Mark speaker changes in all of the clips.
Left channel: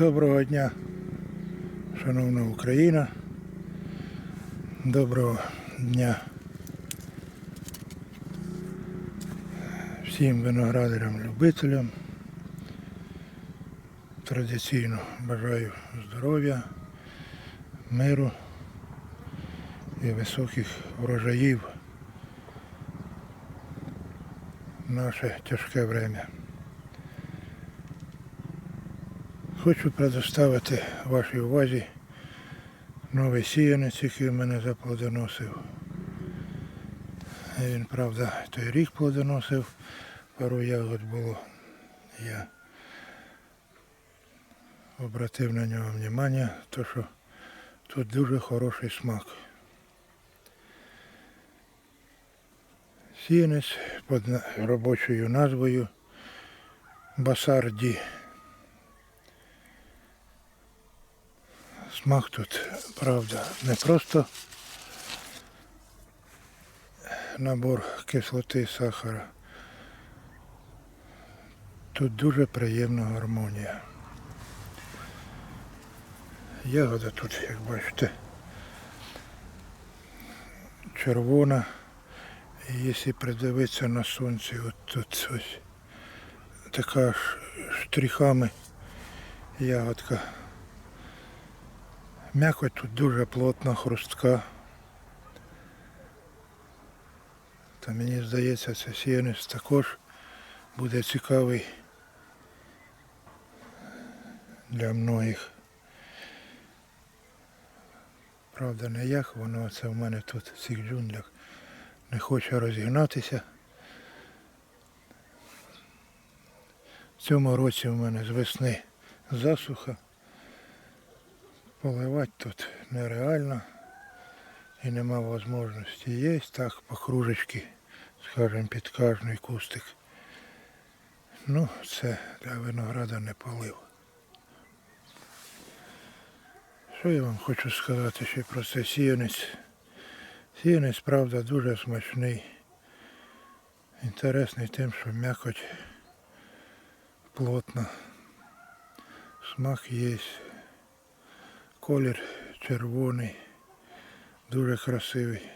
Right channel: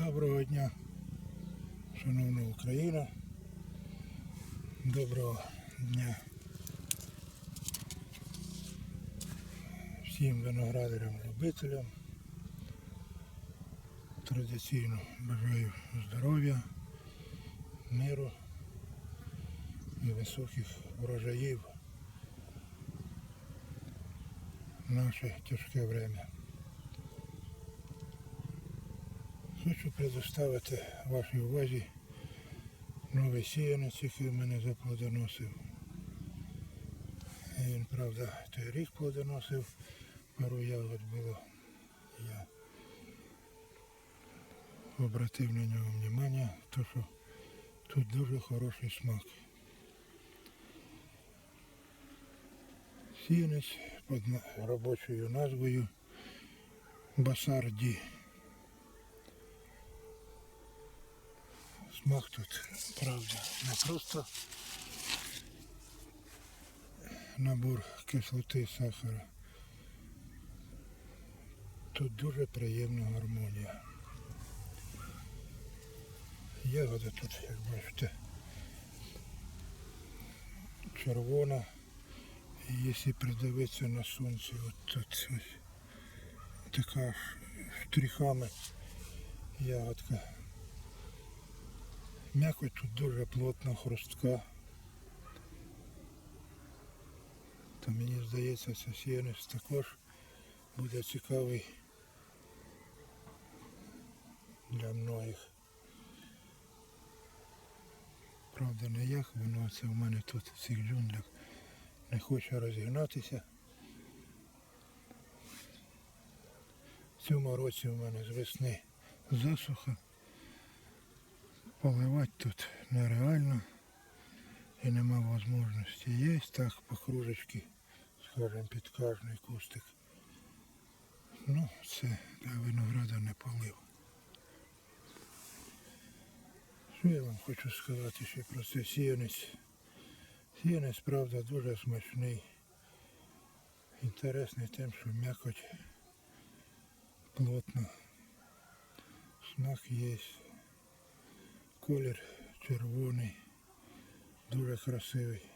Speaker 1: Доброго дня, шановна Україна. Доброго дня всім виноградарям-любителям. Традиційно бажаю здоров'я, миру і високих врожаїв в наше тяжке время. Хочу предоставити вашій увазі новий сіянець, який в мене заплодоносив. Він, правда, той рік плодоносив, пару ягод було. Я обратив на нього внимання, то що тут дуже хороший смак. Сіянець під робочою назвою Басарді. Смак тут, правда, не просто набор кислоти і сахара. Тут дуже приємна гармонія. Ягода тут, як бачите, червона. І якщо придивитися на сонці, от тут ось така ж штрихами ягодка. М'якоть тут дуже плотна, хрустка. Та мені здається, це сіянець також буде цікавий для многих. Правда, не як воно це в мене тут в цих джунглях не хоче розігнатися. В цьому році в мене з весни засуха. Поливати тут нереально і нема можливості. Є так по кружечки, скажімо, під кожний кустик. Ну, це для винограда не полив. Що я вам хочу сказати ще про цей сіянець? Сіянець, правда, дуже смачний. Інтересний тим, що м'якоть плотна. Смак є. Колір червоний, дуже красивий.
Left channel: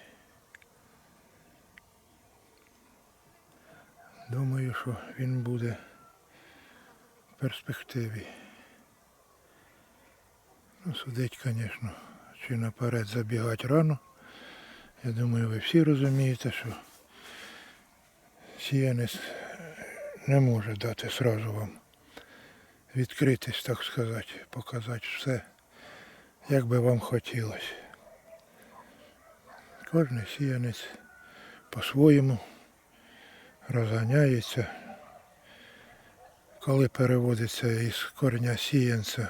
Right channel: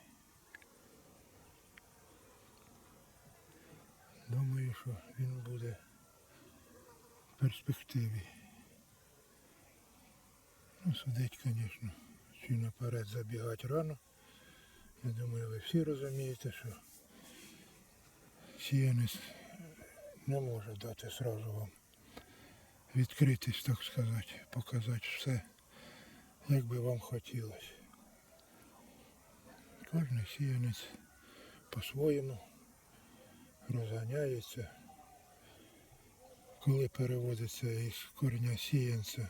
Speaker 1: Думаю, що він буде в перспективі. Ну, судить, звісно, чи наперед забігати рано. Я думаю, ви всі розумієте, що сіянець не може дати сразу вам відкритись, так сказати, показати все як би вам хотілося. Кожен сіянець по-своєму розганяється. Коли переводиться із корня сіянця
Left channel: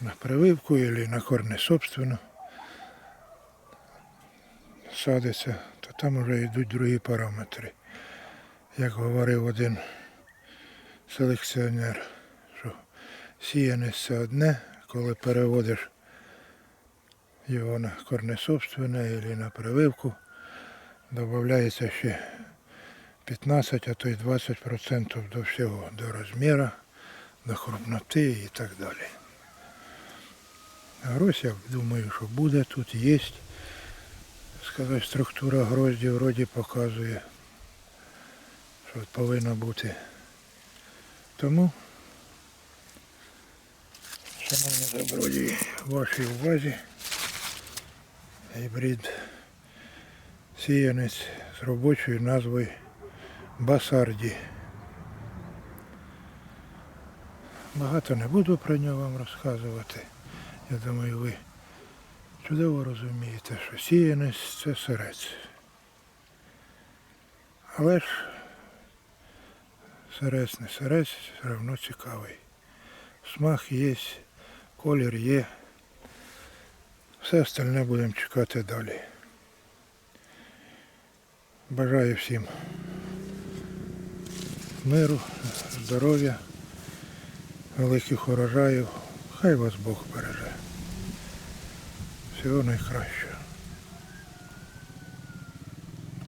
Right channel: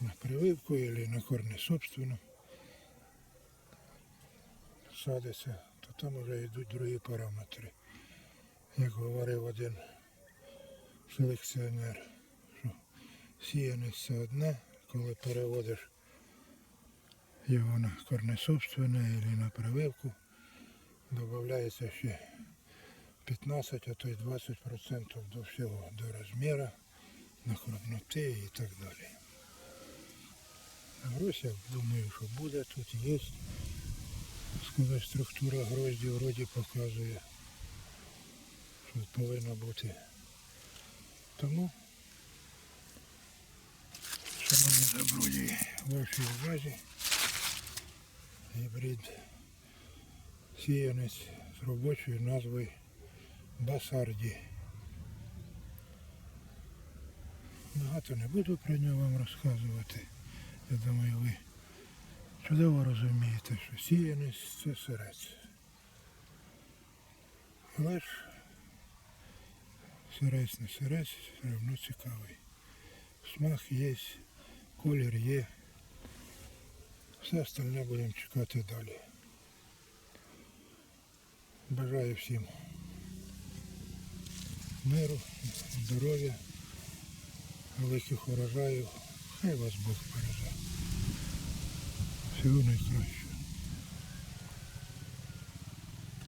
Speaker 1: на прививку або на корне собственно, садиться, то там вже йдуть другі параметри. Як говорив один селекціонер, що сіянець це одне, коли переводиш його на корне собственне або на прививку, додається ще 15, а то й 20% до всього, до розміру, до крупноти і так далі. Грозь, я думаю, що буде тут, є. Сказати, структура грозді вроді показує, що повинно бути. Тому Шановні добродії, вашій увазі гібрид сіянець з робочою назвою Басарді. Багато не буду про нього вам розказувати. Я думаю, ви чудово розумієте, що сіянець це сирець. Але ж сирець не сирець, все одно цікавий. Смак є, колір є. Все остальне будемо чекати далі. Бажаю всім миру, здоров'я, великих урожаїв. Хай вас Бог береже. Всього найкращого.